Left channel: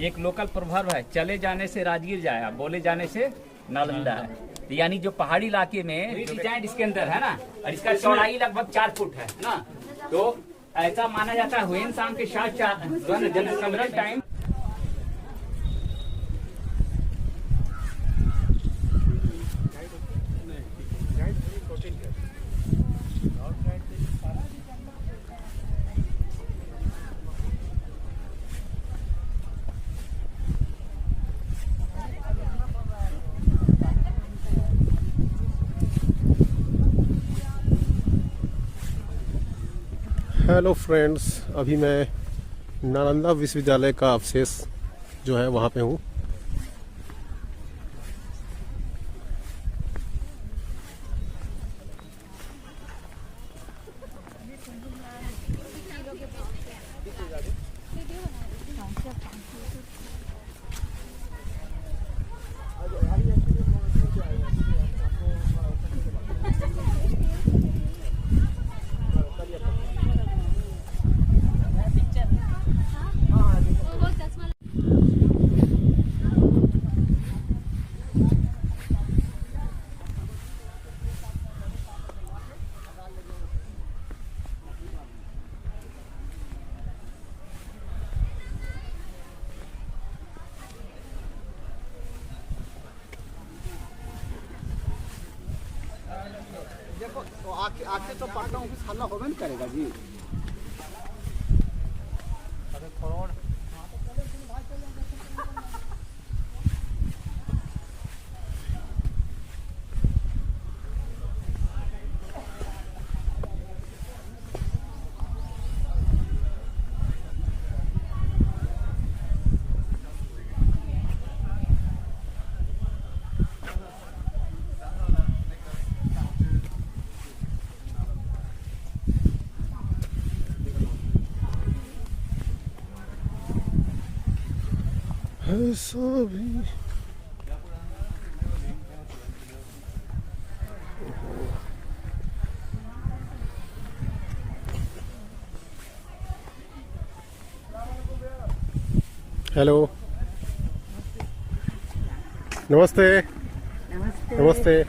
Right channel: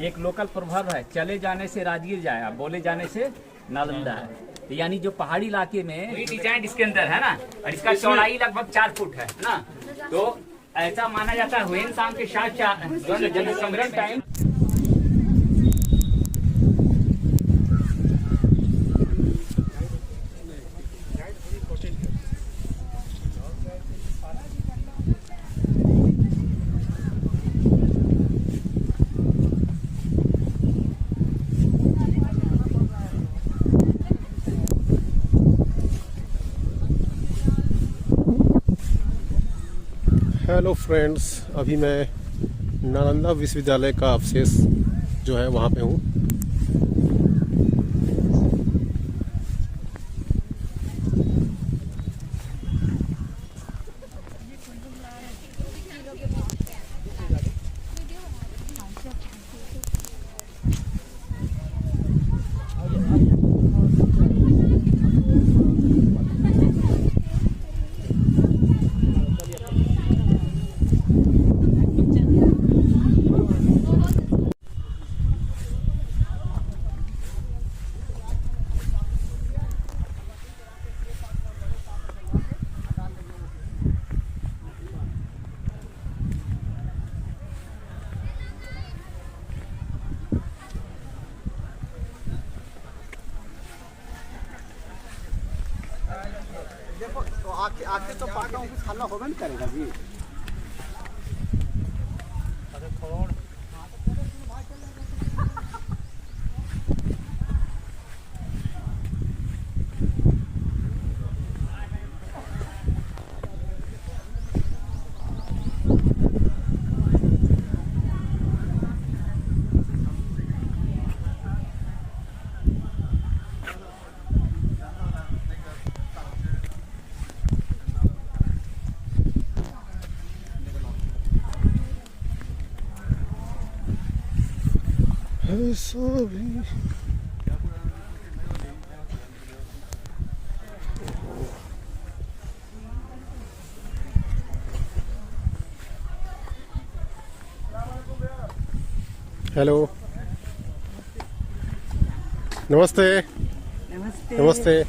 एक लोकल प्रभाव है, चले जाने से राजगीर जाए, बोले जाने से नालंदा है। तो यानी जो पहाड़ी इलाके में डिजाइन इसके अंदर है ना, और इसका चौड़ाई लगभग 4 फुट है ना, तो ऐसा माना जाता है हुएन सांग के साथ जनसंग्रहण टाइम। हेलो फ्रेंड्स, अभी मैं नालंदा विश्वविद्यालय का अवशेष जो है वहाँ पे हूँ। देखो तो आके तो पाता हूँ कुछ हल्ला होगा नहीं करेगा जी। ऐसा भी हेलो, नमस्ते नमस्ते।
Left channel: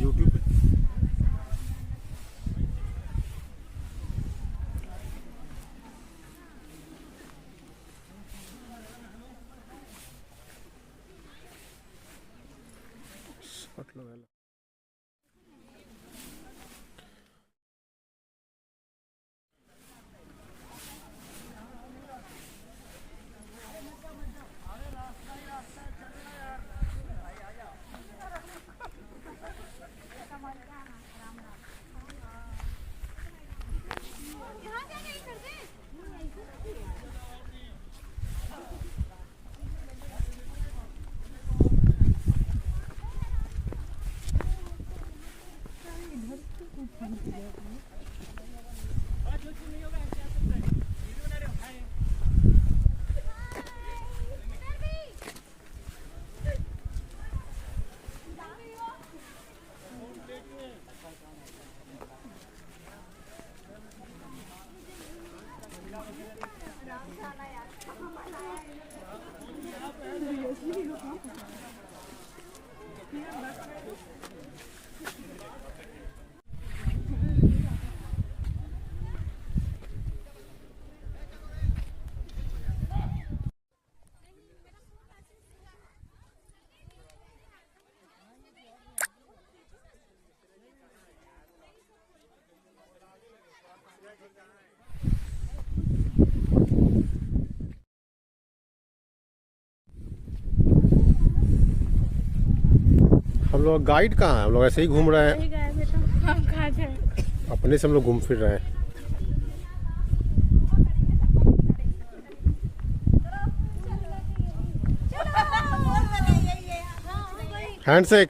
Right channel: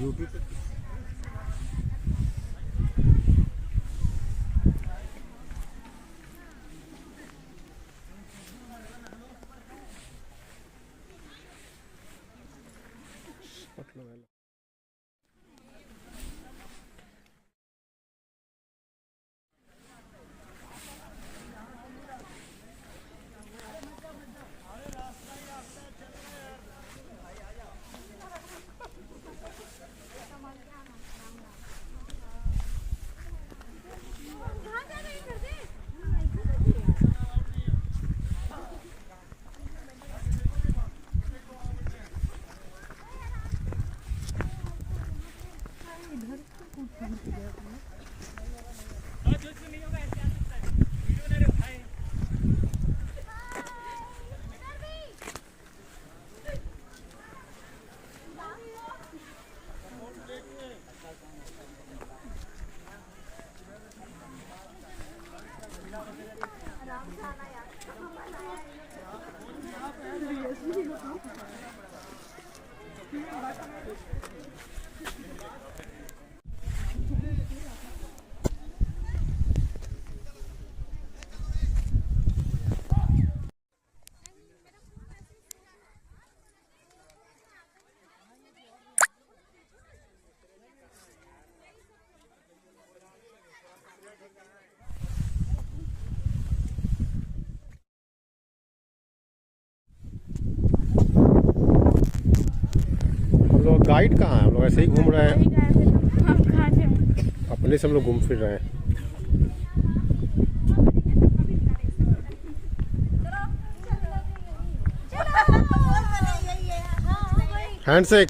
यूट्यूब पे हम लोग गाइड कहाँ है? हम लोग ऐसे ही घूम रहे हैं, हम कहाँ थे? अपने से हम लोग घूम फिर रहे हैं। हैंडशेक।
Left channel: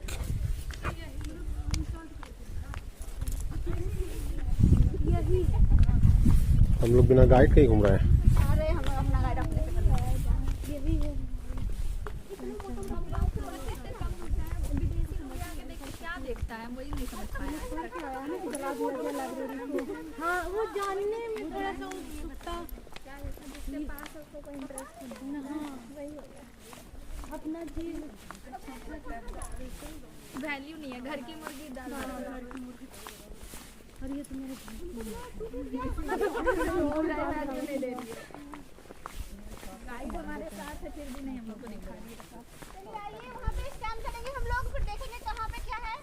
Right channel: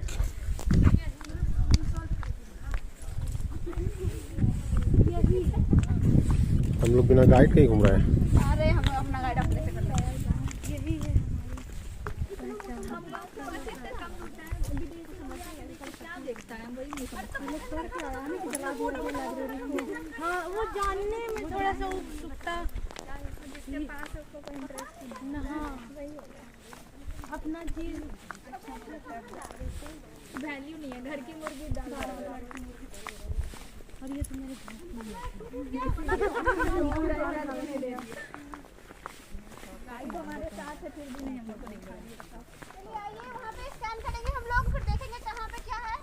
हम लोग बिना गाइड के ही घूम रहे हैं। हाँ वो जानने में थोड़ा सा उत्सुकता, जिसके पास है उसको कोई इंटरेस्ट नहीं। हाँ वही होगा, अपना चीज अच्छा वैल्यू नहीं है। घर की मुर्गी डाल और ये तो मेरे गाइड हमारे साथ है, फिर भी नहीं हम लोग वहाँ पे स्कैन करेंगे हम लोग, फिर देखेंगे कहाँ पे क्या है।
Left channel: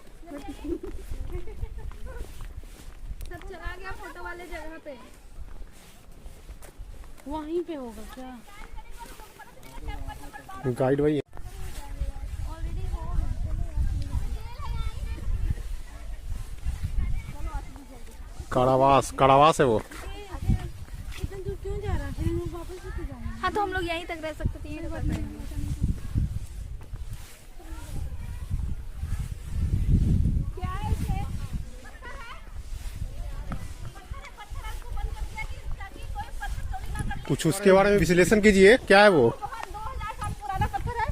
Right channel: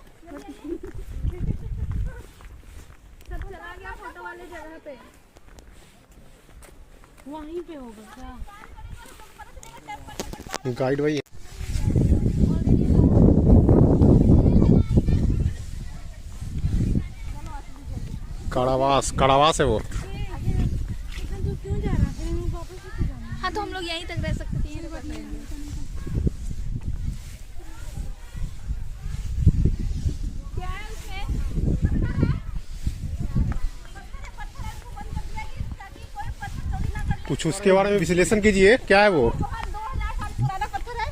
सब चला गया फोटो वाले जगह पे, वहीं पे होगा क्या? गाइड वही है। कारावास है वो। हाँ तो हम लोग यहीं तक रह सकते थे, यहीं तक रहेंगे। क्या है उसमें? कुछ उसके बारे में विश्लेषण कीजिए, क्या है वो? 2000 साल पुराना पत्थर है।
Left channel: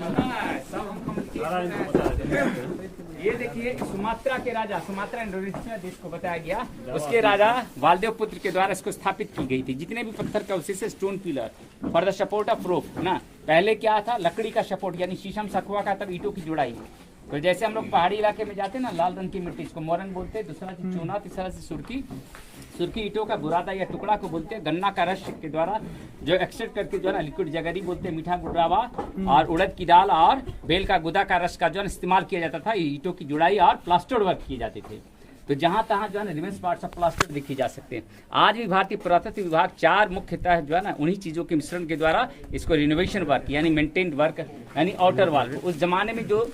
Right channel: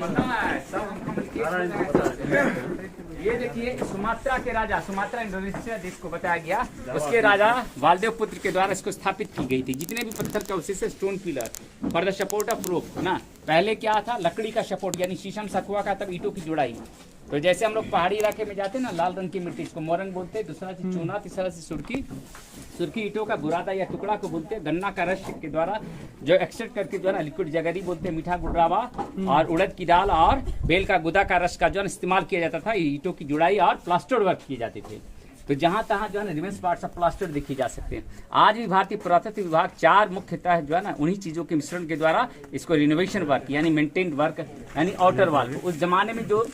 पता है सब हमको ये देखिए सुमात्रा के राजा, सुमात्रा इंडोनेशिया देश को बताया गया, उसके राजा वालदेव पुत्र के द्वारा इसको स्थापित की गई थी। जितने भी पत्थर का अवशेष, stone pillar for the support of rope ना, पहले क्या था, लकड़ी का सपोर्ट यानी शीशम सखुआ का, तब ईंटों की जुड़ाई। तो जैसे हम लोग पहाड़ी इलाके में जाते हैं ना, लाल रंग की मिट्टी, इसको मोरंग बोलते हैं, दूसरा से चूना, तीसरा से सुर्खी। सुर्खी ईंटों का बुरादा या टुकड़ा को बोलते हैं। गन्ना का रस के द्वारा जो एक्सट्रैक्ट करके जो है ना लिक्विड जगरी बोलते हैं, मीठा गुड़रावा, और उड़द की दाल और बेल का गुदा का रस का जो है इस्तेमाल किया जाता था ईंटों की जुड़ाई और प्लास्टर वर्क किए जाते थे। तो जहां तहां जो है ना रिमेन्स पार्ट्स ऑफ प्लास्टर देखे जा सकते हैं। आज भी भारतीय पुरातत्व विभाग 4 मुख्यतः जो है ना उन्हीं चीजों के मिश्रण के द्वारा इसको रिनोवेशन वर्क यानी मेंटेन्ड वर्क यानी आउटर वॉल। उस जमाने में जो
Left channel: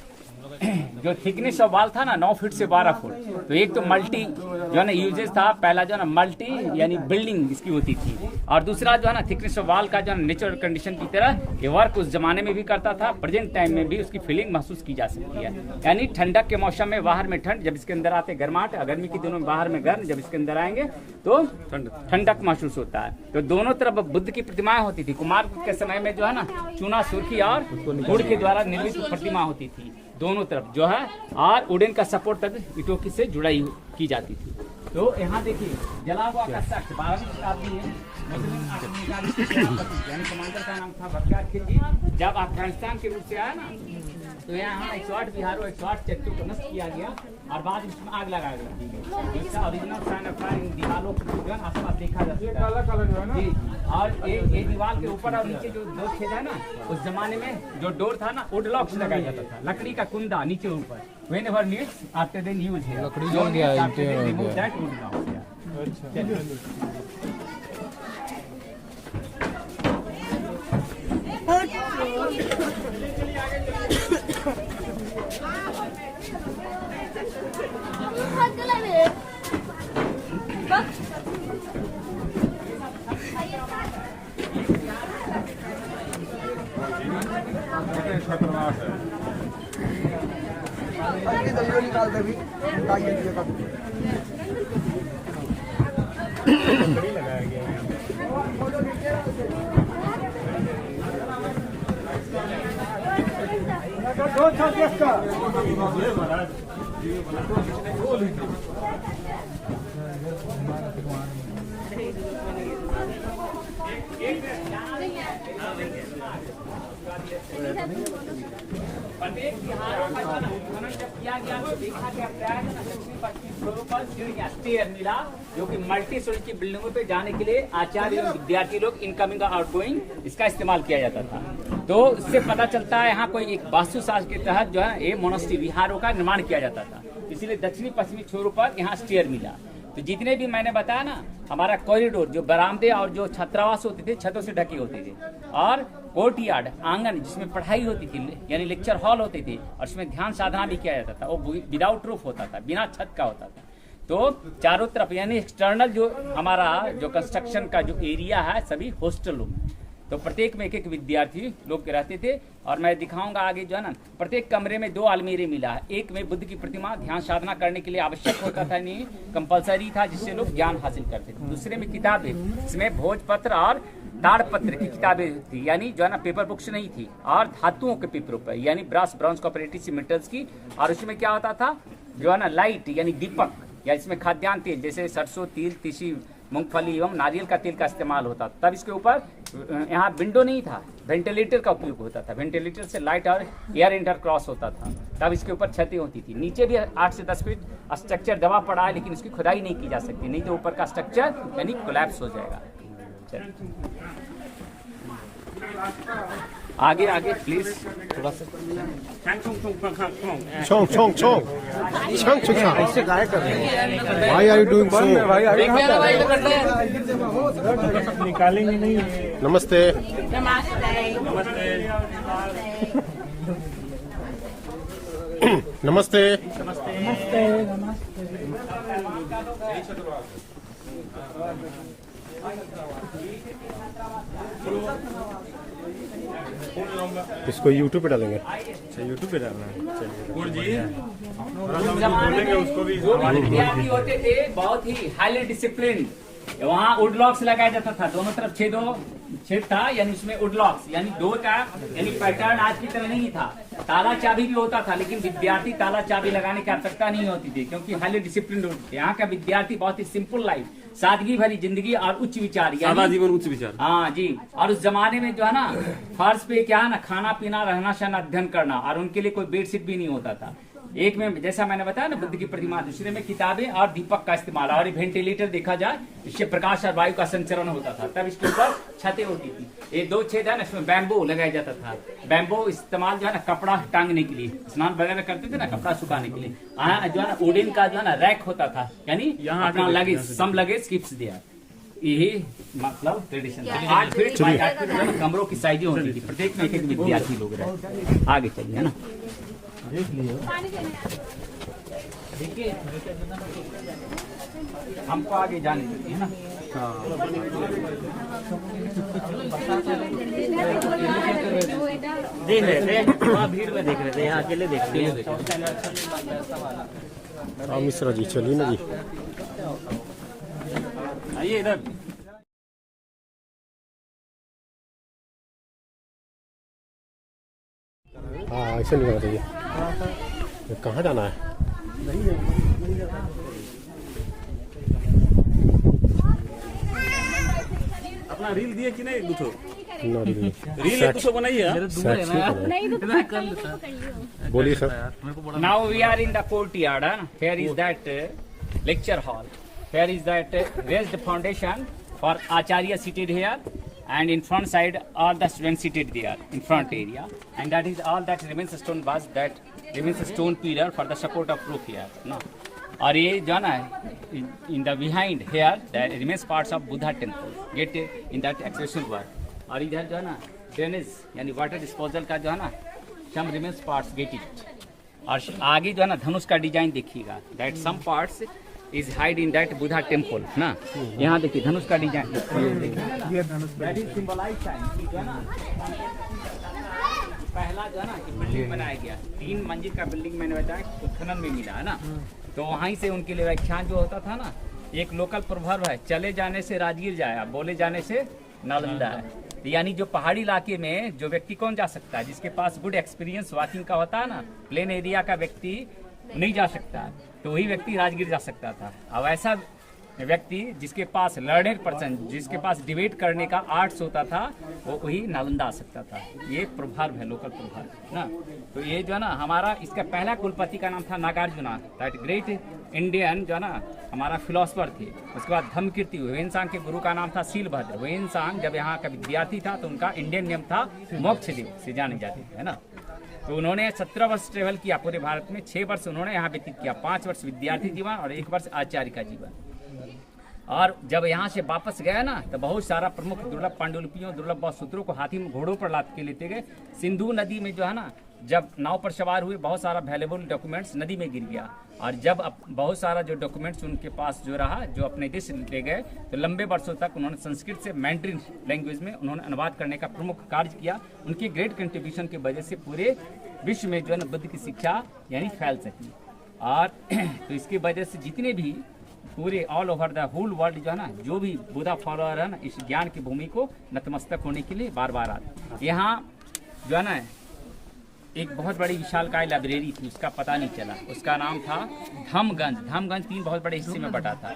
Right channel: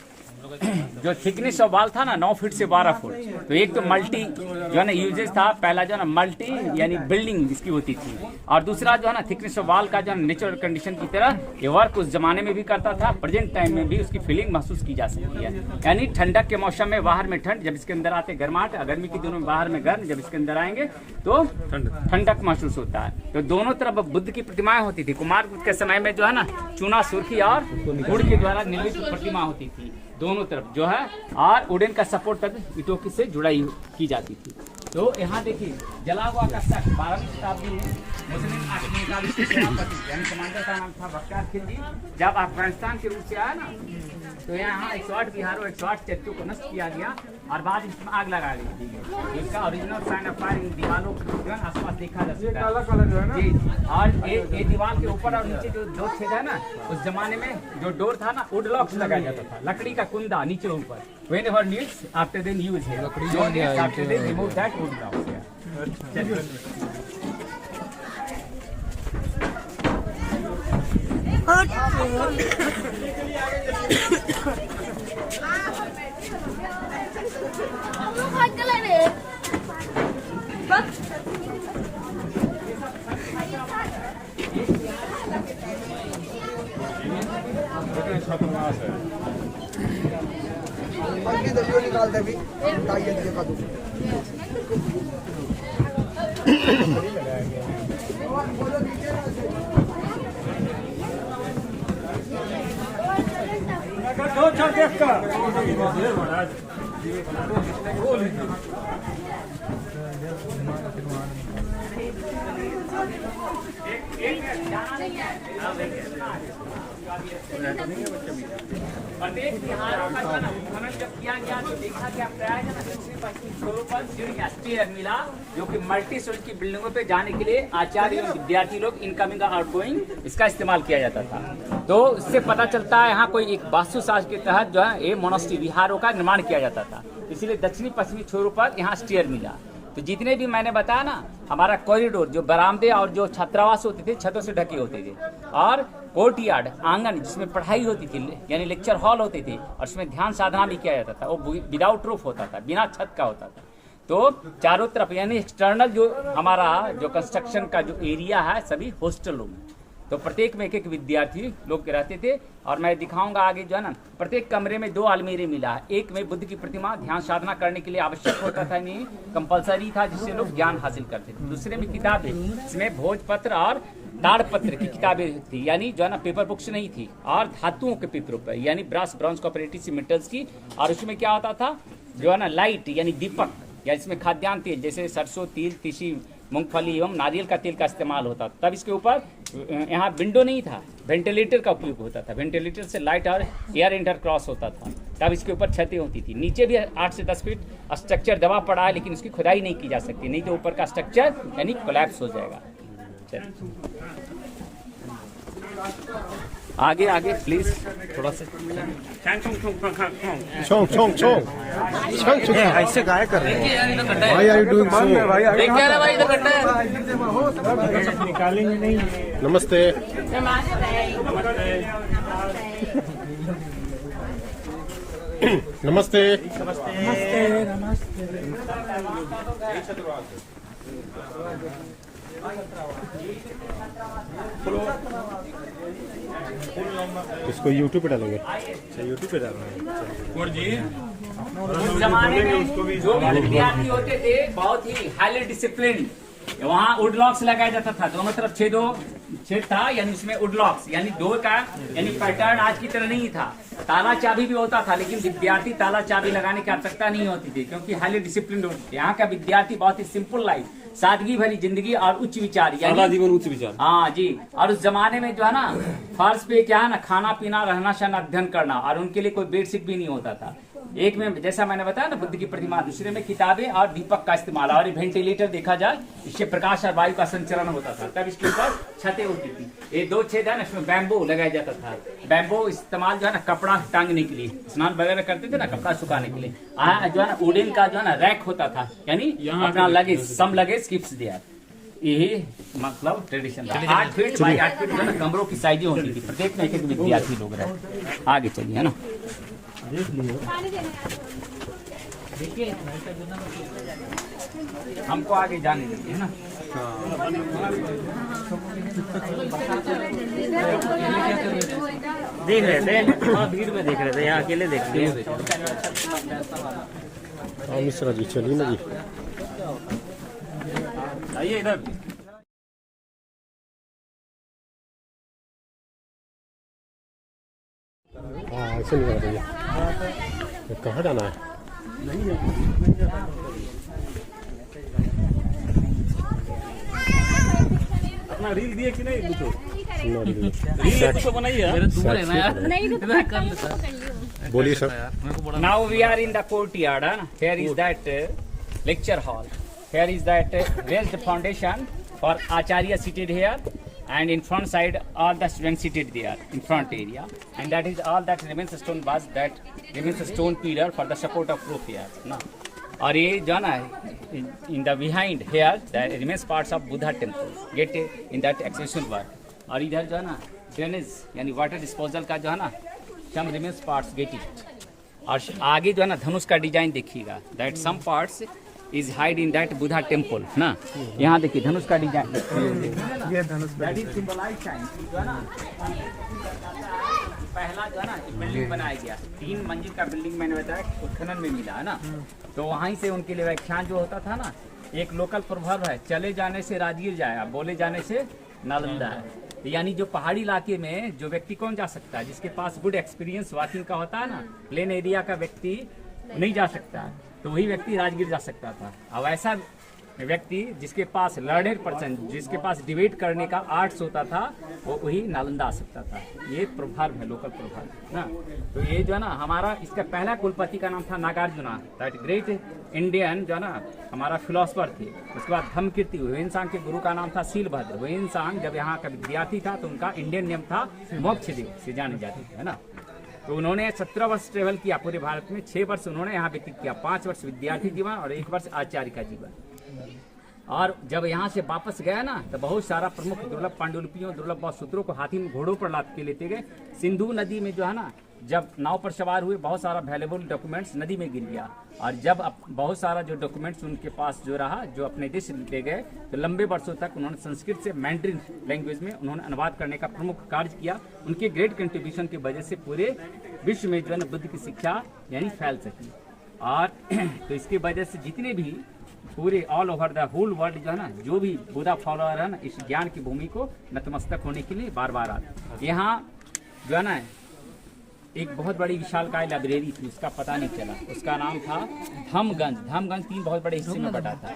थिकनेस ऑफ वॉल था ना 9 फीट से 12 फुट, तो एक तो मल्टी जो है ना यूजेस था, पहला जो है ना मल्टी यानी बिल्डिंग इसकी होती थी, और दूसरा जो है ना थिकनेस ऑफ वॉल का जो है नेचुरल कंडीशन की तरह ये वर्क उस जमाने में भी करता था, प्रेजेंट टाइम में भी उसकी फीलिंग महसूस की जा सकती है। यानी ठंडक के मौसम में बाहर में ठंड, जब इसके अंदर आते गर्माहट, गर्मी के दिनों में बाहर में गर्म, जब इसके अंदर आएंगे तो ठंडक महसूस होता है। तो दोनों तरफ बुद्ध की प्रतिमाएं होती थी। कुमार के समय में जो है ना चूना, सुर्खी और गुड़ के द्वारा निर्मित प्रतिमा होती थी दोनों तरफ जो है, और वुडन का सपोर्ट तक ईंटों से जुड़ाई की जाती थी। तो यहाँ देखिए जला हुआ का शख्स 12वीं शताब्दी में मुस्लिम आक्रमणकारी के सेनापति यानी कमांडर का नाम था बख्तियार खिलजी। जब अफगानिस्तान के रूप से आया ना, तो यहाँ 108 बिहारों 108 चर्चों को नष्ट किया गया और बाद इसमें आग लगा दी गई। इसका ओरिजिनल साइन ऑफ फायर दीवारों जो है आसपास देखा जा सकता है। काला काला जो है ना जी, और ये दीवार के ऊपर और नीचे जो दो छेद है ना, उस जमाने में जो डोर था ना वुड लॉक्स लगाया जाता था, लकड़ी का कुंदा नीचे ऊपर। Whenever needs, after then use here. No needs, after then remove that wood locks here. छात्रावास है। निकालते भी प्रत्येक बिहारों का जो खनन जब किया गया तो देखा गया प्राय है ना दक्षिण पश्चिम छोरों पर सीढ़ियां स्टेयर मिला, जो कि मल्टी स्टोरी की बिल्डिंगों पे जाने के लिए आचार्य एवं विद्यार्थी लोग इनकमिंग और आउटगोइंग इसका इस्तेमाल किया जाता था। तो इससे पता चलता है यहाँ कोई एक वास्तुशास्त्र के तहत जो है ये मोनास्ट्री विहारों का निर्माण किया जाता था, इसलिए दक्षिणी पश्चिमी छोरों पर यहाँ स्टेयर मिला। तो जितने भी मैंने बताया ना, हमारा कॉरिडोर जो बरामदे और जो छात्रावास होते थे छतों से ढके होते थे, और कोर्टयार्ड आंगन जिसमें पढ़ाई होती थी यानी लेक्चर हॉल होते थे, और उसमें ध्यान साधना भी किया जाता था, वो विदाउट रूफ होता था, बिना छत का होता था। तो चारों तरफ यानी एक्सटर्नल जो हमारा जो कंस्ट्रक्शन का जो एरिया है सभी हॉस्टल रूम है। तो प्रत्येक में एक विद्यार्थी लोग रहते थे, और मैं दिखाऊंगा आगे जो है ना, प्रत्येक कमरे में 2 अलमीरे मिला है। एक में बुद्ध की प्रतिमा ध्यान साधना करने के लिए आवश्यक होता था, नहीं कंपलसरी था, जिससे लोग ज्ञान हासिल करते थे। दूसरे में किताबें, इसमें भोजपत्र और ताड़पत्र की किताबें थी, यानी जो है ना पेपर बुक्स नहीं थी, और धातुओं के पेपरों पर यानी ब्रास ब्रॉन्ज कॉपरेटिव मेटल्स की। और उसमें क्या होता था जो है ना लाइट यानी दीपक, या इसमें खाद्यान्न तेल जैसे सरसों, तिल, तीसी, मूंगफली एवं नारियल का तेल का इस्तेमाल होता था। तब इसके ऊपर यहाँ विंडो नहीं था, वेंटिलेटर का उपयोग होता था। वेंटिलेटर से लाइट और एयर इंटर क्रॉस होता था। तब इसके ऊपर छतें होती थी। नीचे भी 8 से 10 फीट स्ट्रक्चर दबा पड़ा है, लेकिन उसकी खुदाई नहीं की जा सकती, नहीं तो ऊपर का स्ट्रक्चर यानी कोलैप्स हो जाएगा। आगे आगे प्लीज थोड़ा सा। Chong, chong, chong. Chong, chong, chong. ऐसे गाय कर रहे हैं। Why are you doing so? निकालेंगे नहीं। नमस्ते। नमस्ते। इसको YouTube पे डालेंगे। यूट्यूब पे डालना है। उस जमाने में जो भी विद्यार्थी होते थे बहुत ही हाईली डिसिप्लिन वहाँ वुड लॉक्स लगाया जाता था, दोनों तरफ छेद था, यानी उसमें वुड लॉक्स, यानी डोर का यानी पैटर्न आज की तरह नहीं था। ताला चाबी भी होता था, लेकिन विद्यार्थी ताला चाबी लगाने की आवश्यकता नहीं होती थी, क्योंकि हाईली डिसिप्लिन होते थे। यहाँ का विद्यार्थी बहुत ही सिंपल लाइफ, सादगी भरी जिंदगी और उच्च विचार, यानी उच्च विचार। हाँ जी। और उस जमाने में जो है ना, फर्श पे क्या है ना, खाना पीना, रहना सहना, अध्ययन करना, और उनके लिए कोई बेडशीट भी नहीं होता था। एक में जैसा मैंने बताया ना, बुद्ध की प्रतिमा, दूसरे में किताबें और दीपक का इस्तेमाल, और वेंटिलेटर देखा जाए, इससे प्रकाश और वायु का संचरण होता था। तब इसके ऊपर छतें होती थी। ये 2 छेद है ना, इसमें बैम्बो लगाया जाता था। बैम्बो इस्तेमाल जो है ना, कपड़ा टांगने के लिए, स्नान वगैरह करते थे ना, कपड़ा सुखाने के लिए। जो है ना, वुडन का जो है ना रैक होता था, यानी अपना luggage, some luggage keeps there. यही मतलब ट्रेडिशन था। 8 फीट बाई 8 फीट जो है ना, कमरों की साइजें होती थी, प्रत्येक में एक विद्यार्थी लोग रहे। आगे चलिए, है ना, देखिए हमको आगे जाने दीजिए, है ना। देख रहे थे, वहाँ भीड़ में देख रहे थे, यहाँ अकेले देख रहे थे। हाँ मिश्रा जी, चलिए ना जी। आइए इधर। हाँ ऐसे नहीं बताइए, कहाँ जाना है? अपना रील दिए कि नहीं कुछ? रील कुछ बनाइए। बोलिए sir. Now we are in the courtyard. Here is that lecture hall. Here is that raised foundation for Acharya seated here, and in front side all the students seated there in front area, and that is all that remains stone was that remains stone pillar for the support of roof here. ना, और ये जो है ना, in the behind here the remains parts of Buddha temple get in that exhibition work. और इधर जो है ना, ड्रेनेज यानी वाटर डिस्पोजल का जो है ना, some remains parts get it. और आगे जो है ना, धनुष का डिजाइन देखिएगा, that some parts is hide in that Buddha temple ना। यहाँ देखिए धनुष का डिजाइन, ये धनुष that is symbolize time जो है ना, पहला जो है ना बिल्डिंग बनाया गया, 3 मंजिल का बिल्डिंग मैंने बताया उत्खनन में मिला है ना। तो वहीं से उनके लिए व्याख्यान जो होता था ना, एक लोकल प्रभाव है, चले जाने से राजगीर जाए, बोले जाने से नालंदा है। यानी जो पहाड़ी इलाके में जो व्यक्ति कौन जा सकता है, जिसके पास गुड एक्सपीरियंस वॉकिंग का होता है ना, प्लेन एरिया का व्यक्ति नहीं जा सकता है, तो वही व्यक्ति राजगीर जा सकता था। अब ऐसा व्यक्ति जिसके पास लर्नर पर्सन, जिसके पास डिबेट करने का आर्ट्स होता था, वो वही नालंदा आ सकता था। ये प्रभाव है, लोकल प्रभाव ना। तो ये जो है ना, हमारा इसका पहला कुलपति का नाम था नागार्जुना, दैट ग्रेट इंडियन जो है ना हमारा फिलोसफर थे। उसके बाद धम्मकीर्ति, वेनसांग के गुरु का नाम था शीलभद्र। वेनसांग जब यहाँ का विद्यार्थी था तो उनका इंडियन नेम था मोक्षदेव से जाने जाते थे, है ना। तो उन्होंने 17 वर्ष ट्रेवल किया पूरे भारत में, 6 वर्ष उन्होंने यहाँ व्यतीत किया, 5 वर्ष विद्यार्थी जीवन और 1 वर्ष आचार्य का जीवन। और जब यहाँ से वापस गया ना, तो बहुत सारा प्रमुख दुर्लभ पांडुलिपियों, दुर्लभ सूत्रों को हाथी में घोड़ों पर लाद के लेते गए। सिंधु नदी में जो है ना, जब नाव पर सवार हुए, बहुत सारा वैल्यूएबल डॉक्यूमेंट्स नदी में गिर गया। और जब बहुत सारा जो डॉक्यूमेंट्स उनके पास जो रहा, जो अपने देश ले गए, तो लंबे वर्षों तक उन्होंने संस्कृत से मैंड्रिन लैंग्वेज में उन्होंने अनुवाद करने का प्रमुख कार्य किया। उनके ग्रेट कंट्रीब्यूशन की वजह से पूरे विश्व में जो है ना बुद्ध की शिक्षा यानी फैल सकी। और तो इसकी वजह से जितने भी पूरे all over the whole world जो है ना, जो भी बुद्धा फॉलोअर है ना, इस ज्ञान की भूमि को नतमस्तक होने के लिए बार बार आते। यहाँ जो है ना एक बहुत बड़ी विशालकाय लाइब्रेरी थी, उसका पता नहीं चला, उसका नाम था धम्मगंज। धम्मगंज 3 बहुत बड़े हिस्से में बटा था।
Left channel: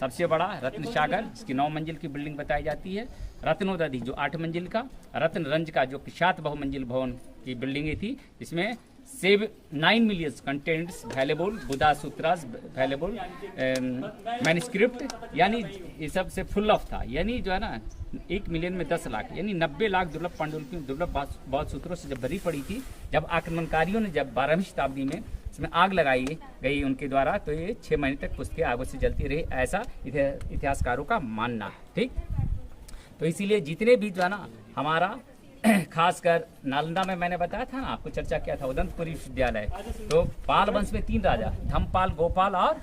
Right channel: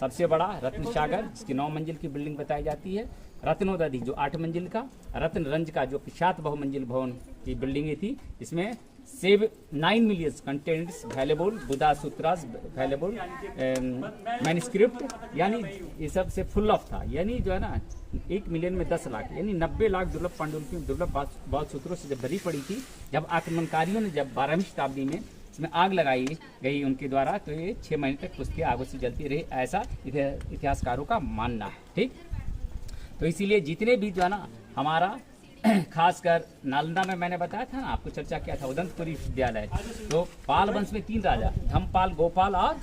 सबसे बड़ा रत्न सागर, जिसकी 9 मंजिल की बिल्डिंग बताई जाती है। रत्नोदधि जो 8 मंजिल का, रत्न रंज का जो 7 बहुमंजिल भवन की बिल्डिंगें थी, इसमें 9 million contents valuable Buddha sutras, valuable manuscript, यानी ये सब से फुल ऑफ था। यानी जो है ना 1 मिलियन में 10 लाख, यानी 90 लाख दुर्लभ पांडुलिपियों, दुर्लभ बौद्ध सूत्रों से जब भरी पड़ी थी, जब आक्रमणकारियों ने जब 12वीं शताब्दी में इसमें आग लगाई गई उनके द्वारा, तो ये 6 महीने तक पुस्तकें आगों से जलती रही, ऐसा इतिहासकारों का मानना है। ठीक, तो इसीलिए जितने भी जो है ना हमारा खासकर नालंदा में मैंने बताया था ना, आपको चर्चा किया था, उदंतपुरी विश्वविद्यालय। तो पाल वंश में 3 राजा, धम्मपाल, गोपाल और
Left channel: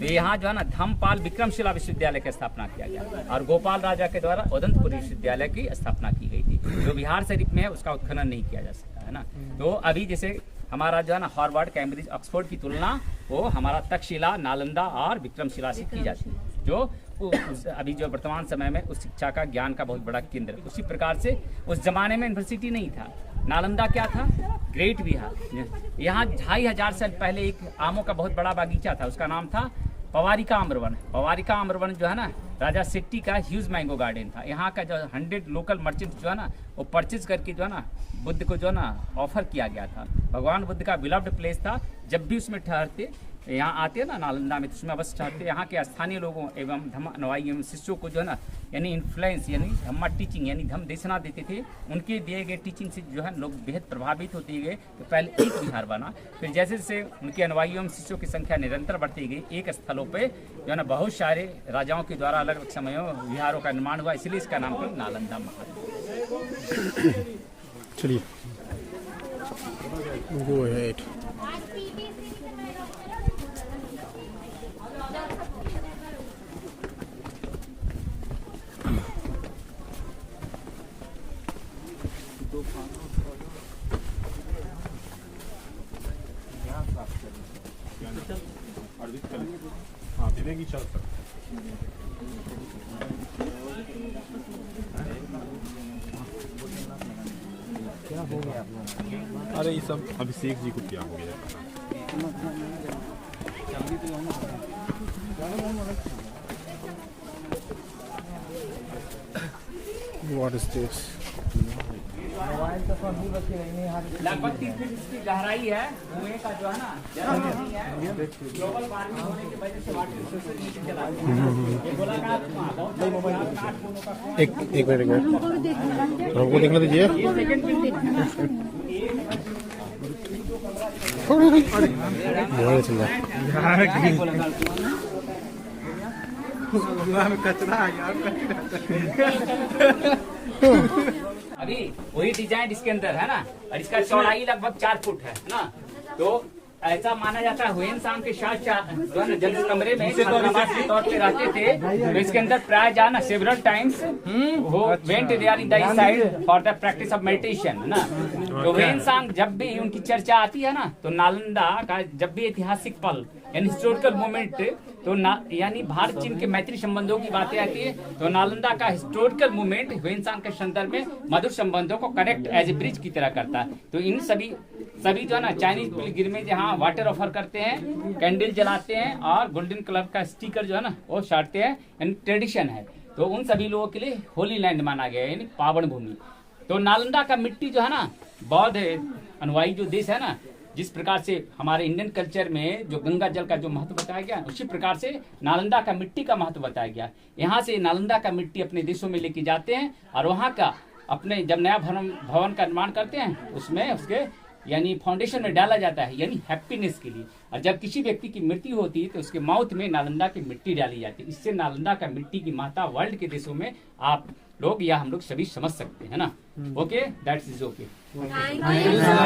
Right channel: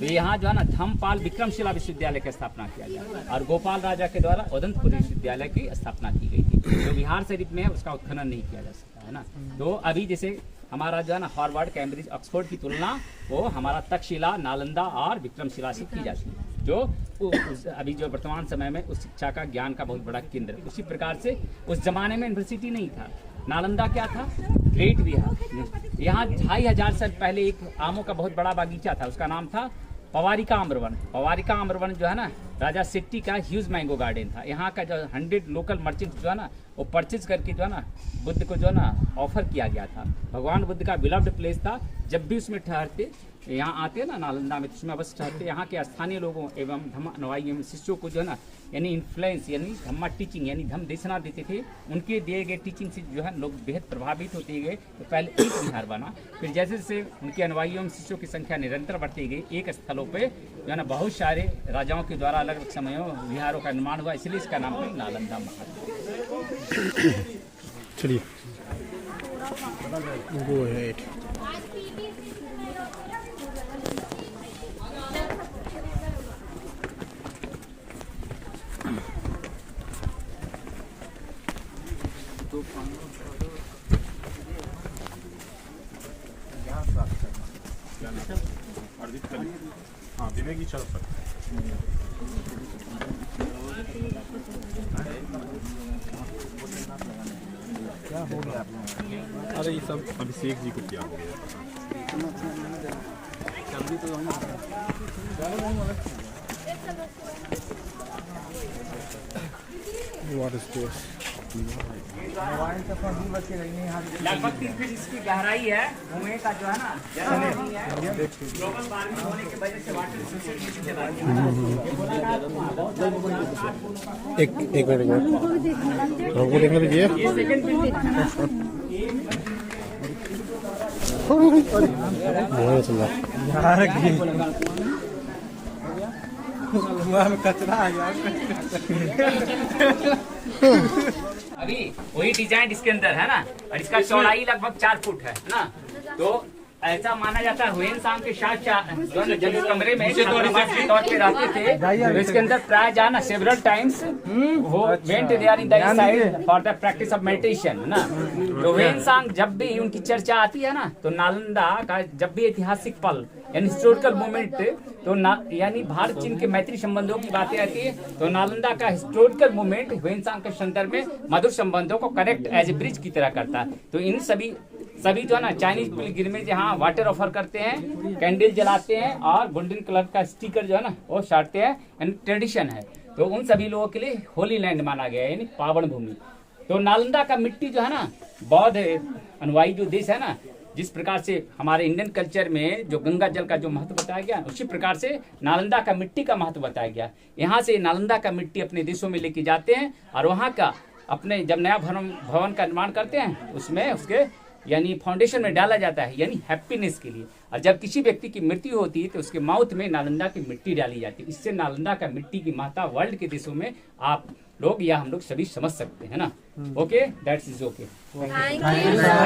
तो यहाँ जो है ना धम्मपाल विक्रमशिला विश्वविद्यालय की स्थापना किया गया, और गोपाल राजा के द्वारा उदंतपुरी विश्वविद्यालय की स्थापना की गई थी, जो बिहार शरीफ में है, उसका उत्खनन नहीं किया जा सकता, है ना। तो अभी जैसे हमारा जो है ना हार्वर्ड, कैम्ब्रिज, ऑक्सफोर्ड की तुलना वो हमारा तक्षशिला, नालंदा और विक्रमशिला से की जाती है। जो अभी जो वर्तमान समय में उस शिक्षा का ज्ञान का बहुत बड़ा केंद्र। उसी प्रकार से उस जमाने में यूनिवर्सिटी नहीं था। नालंदा क्या था? ग्रेट विहार। यहाँ 2500 साल पहले एक आमों का बहुत बड़ा बागीचा था, उसका नाम था पवारिका आम्रवन। पवारिका आम्रवन जो है ना, राजा शेट्टी का ह्यूज मैंगो गार्डन था। यहाँ का जो 100 लोकल मर्चेंट्स जो है ना, वो परचेज करके जो है ना, बुद्ध को जो है ना ऑफर किया गया था। भगवान बुद्ध का बिलव्ड प्लेस था। जब भी उसमें ठहरते, यहाँ आते हैं ना नालंदा में, तो उसमें अवश्य ठहरते। यहाँ के स्थानीय लोगों एवं धम्म अनुयायी एवं शिष्यों को जो है ना, यानी इन्फ्लुएंस यानी धम्मा टीचिंग यानी धम्म देशना देते थे। उनके दिए गए टीचिंग से जो है लोग बेहद प्रभावित होते गए। तो पहले एक विहार बना, फिर जैसे जैसे उनके अनुयायी एवं शिष्यों की संख्या निरंतर बढ़ती गई, एक स्थलों पे जो है ना बहुत सारे राजाओं के द्वारा अलग अलग समयों विहारों का निर्माण हुआ, इसलिए इसका नाम है नालंदा महाल। चलिए गो अहेड। हाँ दिव्या की चल सकते। क्या हो गया? अरे ये सब अभिषेक जी को क्या हो गया? What is this? लगभग 30 फीट इसकी गहराई है। कुएं का जो है ना जरा नहीं है, ग्लोबल वार्मिंग होने की वजह से वाटर रिसोर्सेज ये बोला था एक मिनट हमको देखने दीजिए। बहुत सुंदर। कचरा है यार। अभी वही डिजाइन इसके अंदर है ना, और इसका चौड़ाई लगभग 4 फुट है ना। तो ऐसा माना जाता है हुएन सांग के साथ जब इस कमरे में छात्रावास के तौर पे रहते थे, तो इसके अंदर प्राय जाना सेवरल टाइम्स वो went there in the side for the practice of meditation ना। तो हुएन सांग जब भी उनकी चर्चा आती है ना, तो नालंदा का जब भी ऐतिहासिक पल यानी हिस्टोरिकल मोमेंट, तो यानी भारत चीन के मैत्री संबंधों की बातें आती है, तो नालंदा का हिस्टोरिकल मूवमेंट ह्वेनसांग के संदर्भ में मधुर संबंधों को कनेक्ट एज ए ब्रिज की तरह करता है। तो इन सभी जो है ना चाइनीज पिलग्रिमेज यहाँ वाटर ऑफर करते हैं, कैंडल जलाते हैं और गोल्डन कलर का स्टिकर जो है ना वो साटते हैं, यानी ट्रेडिशन है। तो उन सभी लोगों के लिए होली लैंड माना गया है, यानी पावन भूमि। तो नालंदा का मिट्टी जो है ना, बौद्ध अनुयायी जो देश है ना, जिस प्रकार से हमारे इंडियन कल्चर में जो गंगा जल का जो महत्व बताया गया, उसी प्रकार से नालंदा का मिट्टी का महत्व बताया गया। यहाँ से नालंदा का मिट्टी अपने देशों में लेके जाते हैं और वहाँ का अपने जब नया भवन का निर्माण करते हैं, उसमें उसके यानी फाउंडेशन में डाला जाता है, यानी हैप्पीनेस के लिए। और जब किसी व्यक्ति की मृत्यु होती है तो उसके माउथ में नालंदा की मिट्टी डाली जाती है। इससे नालंदा का मिट्टी की महत्ता वर्ल्ड के देशों में आप लोग या हम लोग सभी समझ सकते हैं ना। Okay, that's is okay.